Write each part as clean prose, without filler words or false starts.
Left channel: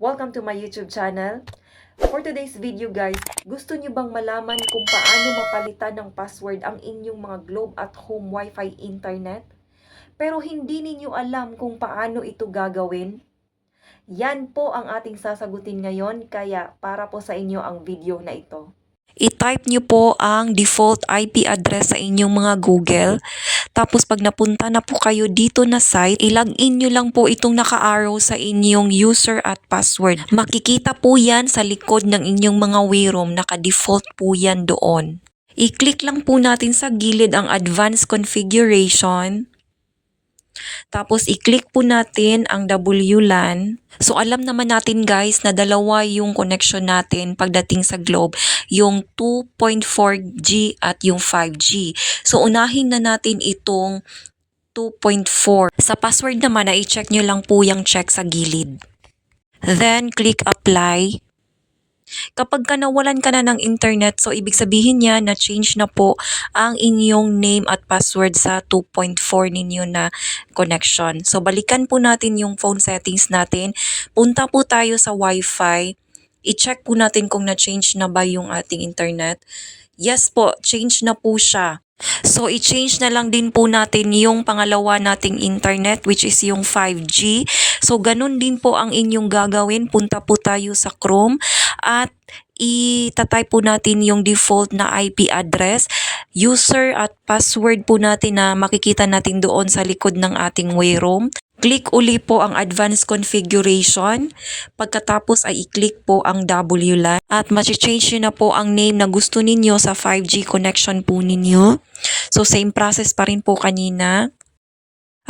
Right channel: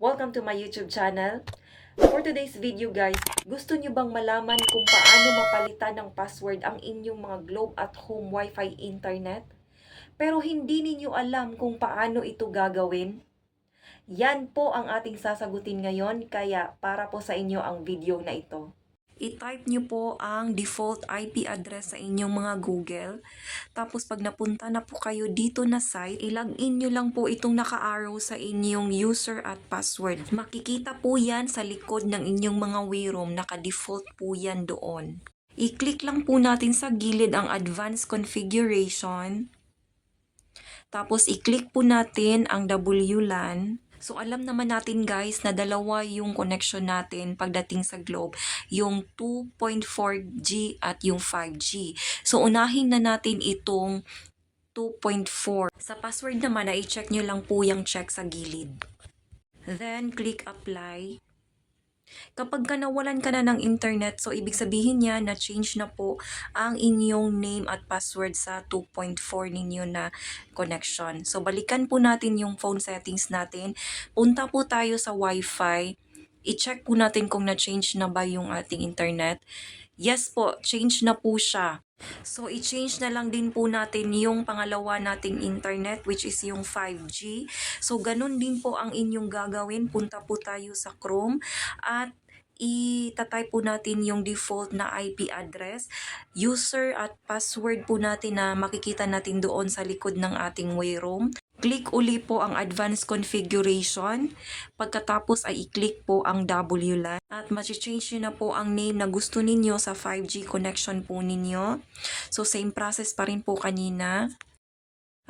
Welcome to my YouTube channel. For today's video guys, gusto nyo bang malaman kung paano mapalitan ng password ang inyong mga Globe at Home Wi-Fi internet? Pero hindi ninyo alam kung paano ito gagawin? Yan po ang ating sasagutin ngayon, kaya para po sa inyo ang video na ito. I-type nyo po ang default IP address sa inyong mga Google. Tapos pag napunta na po kayo dito na site, i-login nyo lang po itong naka-arrow sa inyong user at password. Makikita po yan sa likod ng inyong mga WeRoam. Naka-default po yan doon. I-click lang po natin sa gilid ang advanced configuration. Tapos i-click po natin ang WLAN. So alam naman natin guys na dalawa yung connection natin pagdating sa Globe, yung 2.4G at yung 5G. So unahin na natin itong 2.4. Sa password naman, i-check nyo lang po yung check sa gilid. Then click apply. Kapag nawalan ka na ng internet, so ibig sabihin niya na change na po ang inyong name at password sa 2.4 ninyo na connection. So balikan po natin yung phone settings natin. Punta po tayo sa Wi-Fi. I-check po natin kung na-change na ba yung ating internet. Yes po, change na po siya. So, i-change na lang din po natin yung pangalawa nating internet, which is yung 5G. So, ganun din po ang inyong gagawin. Punta po tayo sa Chrome at i-type po natin yung default na IP address, user at password po natin na makikita natin doon sa likod ng ating WeRoam. Click uli po ang advanced configuration. Pagkatapos ay i-click po ang WLAN at ma-change nyo na po ang name na gusto ninyo sa 5G connection po ninyo. So same process pa rin po kanina.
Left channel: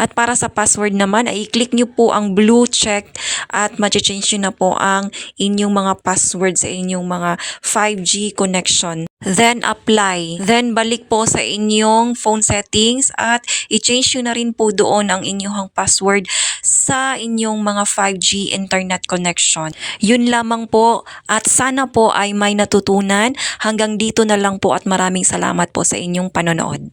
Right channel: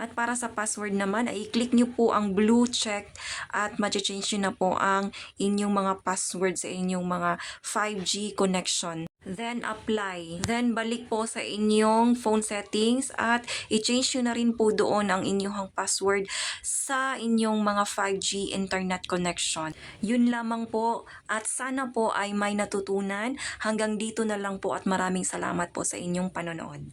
At para sa password naman ay i-click nyo po ang blue check at ma-change nyo na po ang inyong mga password sa inyong mga 5G connection. Then apply. Then balik po sa inyong phone settings at i-change nyo na rin po doon ang inyong password sa inyong mga 5G internet connection. Yun lamang po at sana po ay may natutunan. Hanggang dito na lang po at maraming salamat po sa inyong panonood.